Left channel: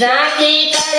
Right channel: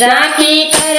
રાખી કર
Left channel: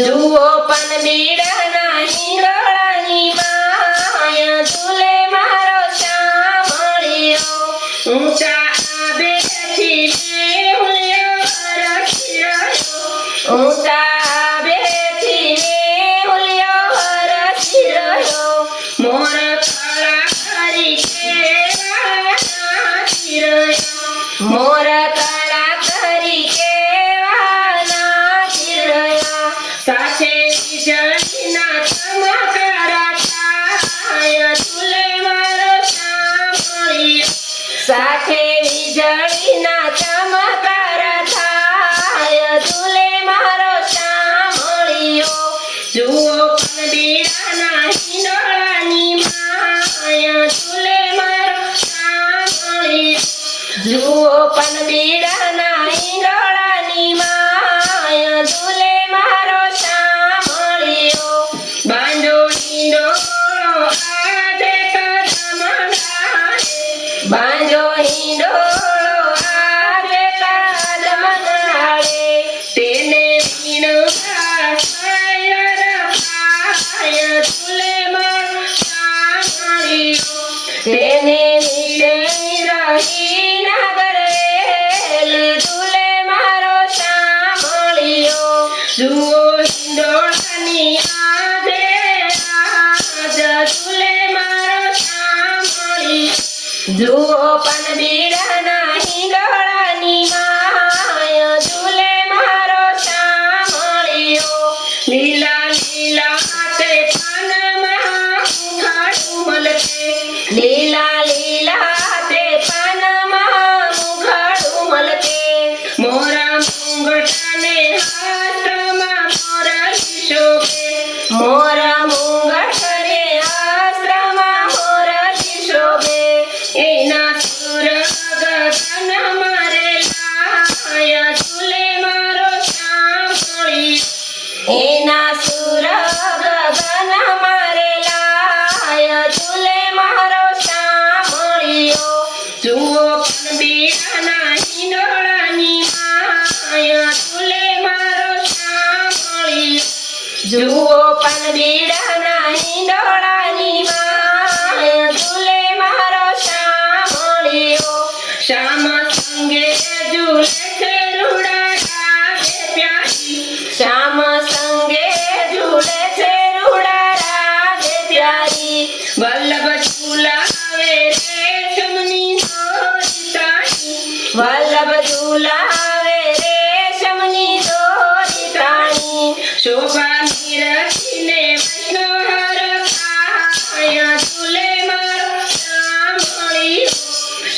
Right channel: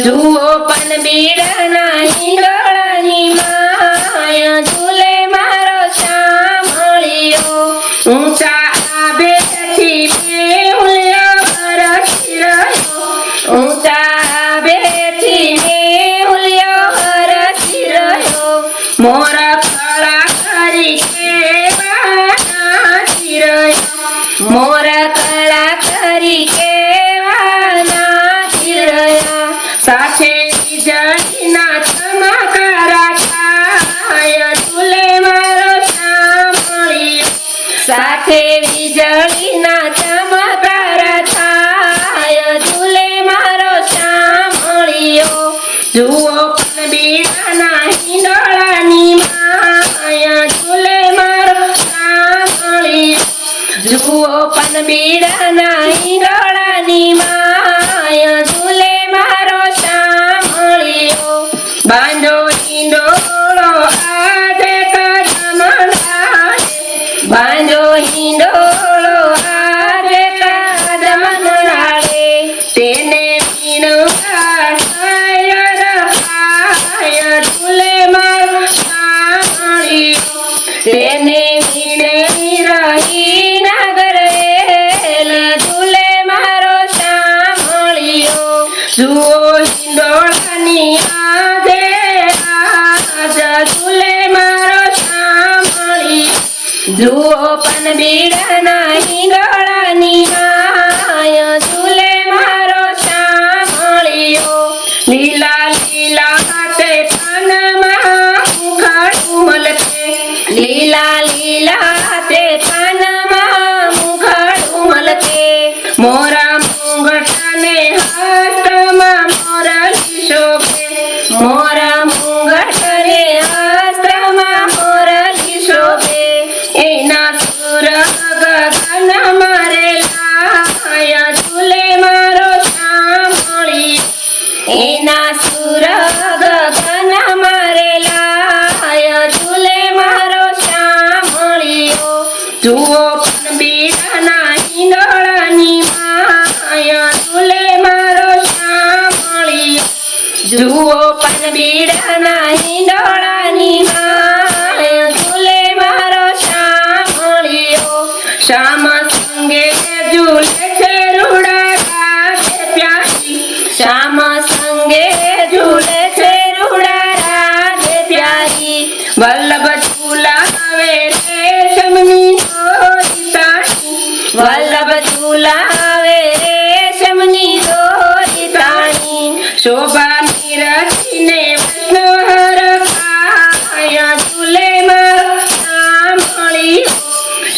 જુઓ પનબીડાના ઈંડોળાની માયા ઝૂલે મારો શામળિયો ઊંચા આબેથી મેઉલ્યા વરસ્યો ઊંચા આબેથી મેઉલ્યો વરસી રહ્યો મોર સાથે વીજળીના ચમકા બાંજો હિંડોળો આજે કાદમ નાળે તેને મીણો તેને Do જુઓ પણ બીડા નહીં ગળ જુઓ પનબીડાના ઈંડોળા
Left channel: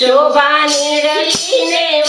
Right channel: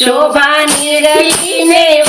就把你的一捏